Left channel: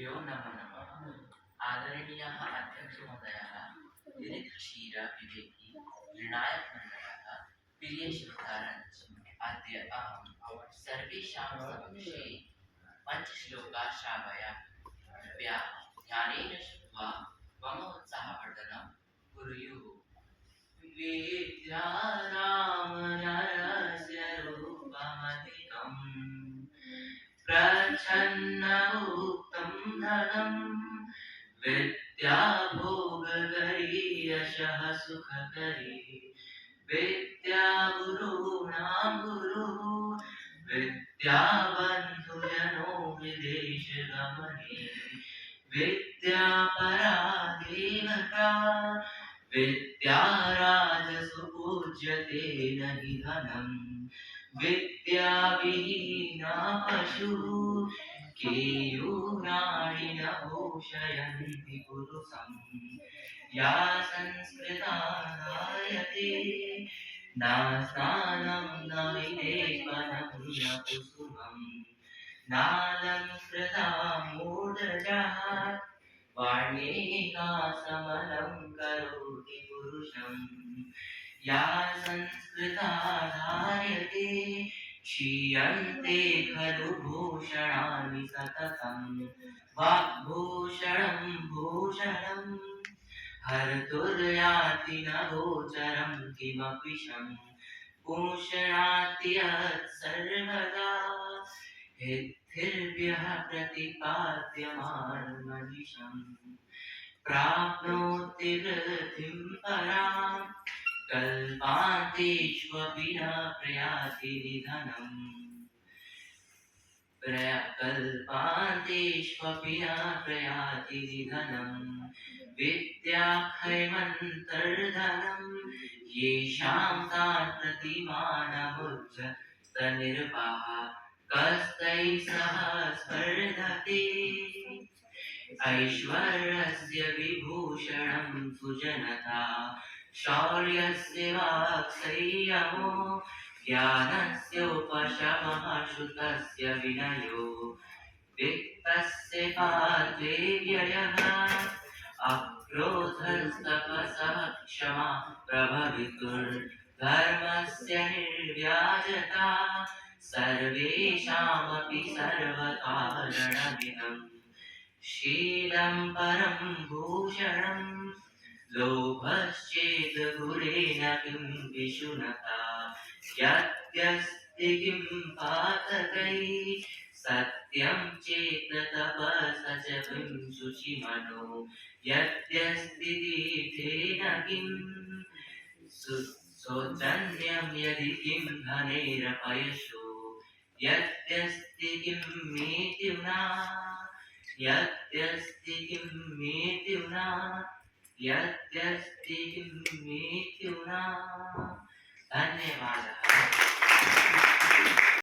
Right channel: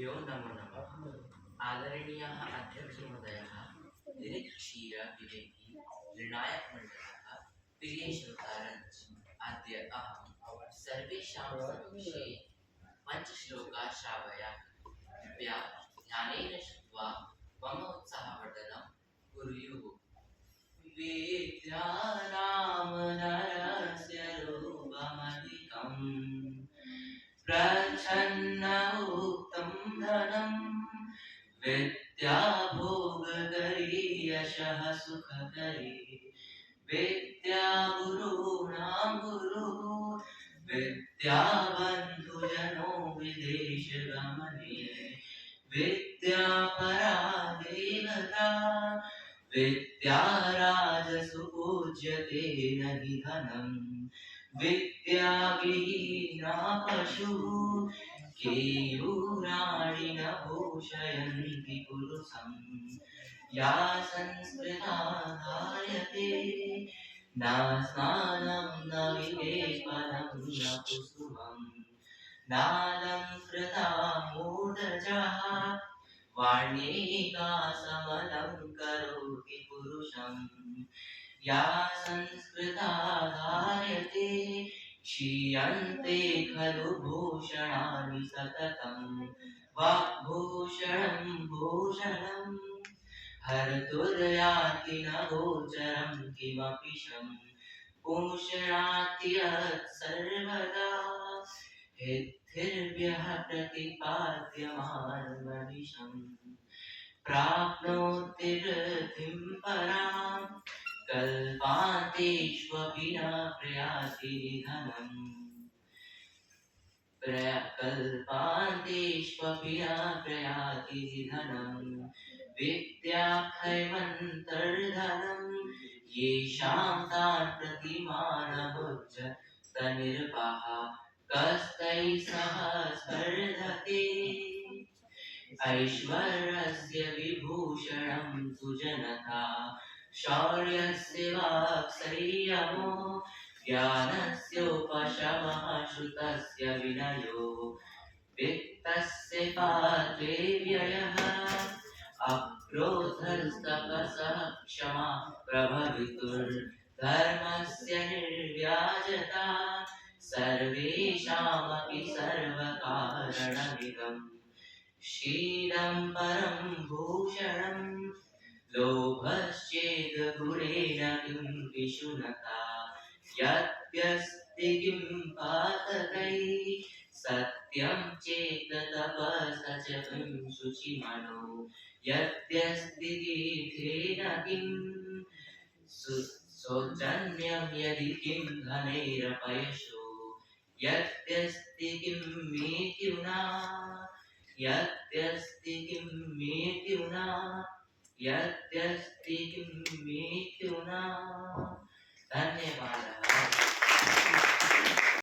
गुरुभ्यो नमो नमः। आदरणीयः अध्यक्षमहोदयः, दिलीपक्षीर विवेकी निर्णायक मण्डलः, प्रिय श्रोतारञ्च, अद्य अहं सर्वेषां समक्षे पञ्चश्लोकाः श्रावयामि। कृपया ध्यानेन श्रुत्वा मम उत्साहवर्धनं कुर्युः। विद्यानां नरस्य रूपमधिकम् प्रच्छन्नमुक्तं धनं विद्या भोगकरी यशः सुखकरी विद्या गुरूणां गुरुः विद्या बन्धुजनो विदेशगमने विद्या परा देवता विद्या राजसुपूज्यते न हि धनम् विद्या विहीना पशुः केयूराणि न भूषयन्ति पुरुषं या संस्कृता धार्यते न स्नानं न विलेपनं न कुसुमं नालङ्कृता मूर्धजः वाण्येका समलं करोति पुरुषं या संस्कृता धार्यते क्षीयन्ते खलु भूषणानि सततं वाग्भूषणं भूषणं हर्तुर्याति न गोचरं किमपि शं पूषणाति यत् सर्वदा हितैर्भ्यः प्रतिपाद्यमानमनिशम् प्राप्नोति वृद्धिं परां कल्पान्तेष्वपि न प्रयाति निधनम् कल्पान्तेष्वपि न प्रयाति निधनम् विद्या हैवन्तर्धनं येषां तान् प्रतिमानमुच्चतनिर्पः कस्तैः सह स्पर्धते ऐश्वर्यस्य विभूषणं सुजनता शौर्यस्य वाक्संयमो ज्ञानस्योपशमः श्रुतस्य विनयो वित्तस्य पात्रे व्ययः अक्रोधस्तपसः क्षमा प्रभवितुर्धर्मस्य निर्व्याजता सर्वेषामपि सर्वकारणमिदम् शीलं परं भूषणं लोभश्चेद् गुणेन किं विशुनता यद्यस्ति किं पातकैः सत्यं चेत् तपसा च किं शुचिमनो यद्यस्ति तीर्थेन किं शौचन्यं यदि किं धनैरपयशो यद्यस्ति किं मृत्युना यद्यस्ति किं मृत्युना यद्यस्ति किं मृत्युना। धन्यवादः।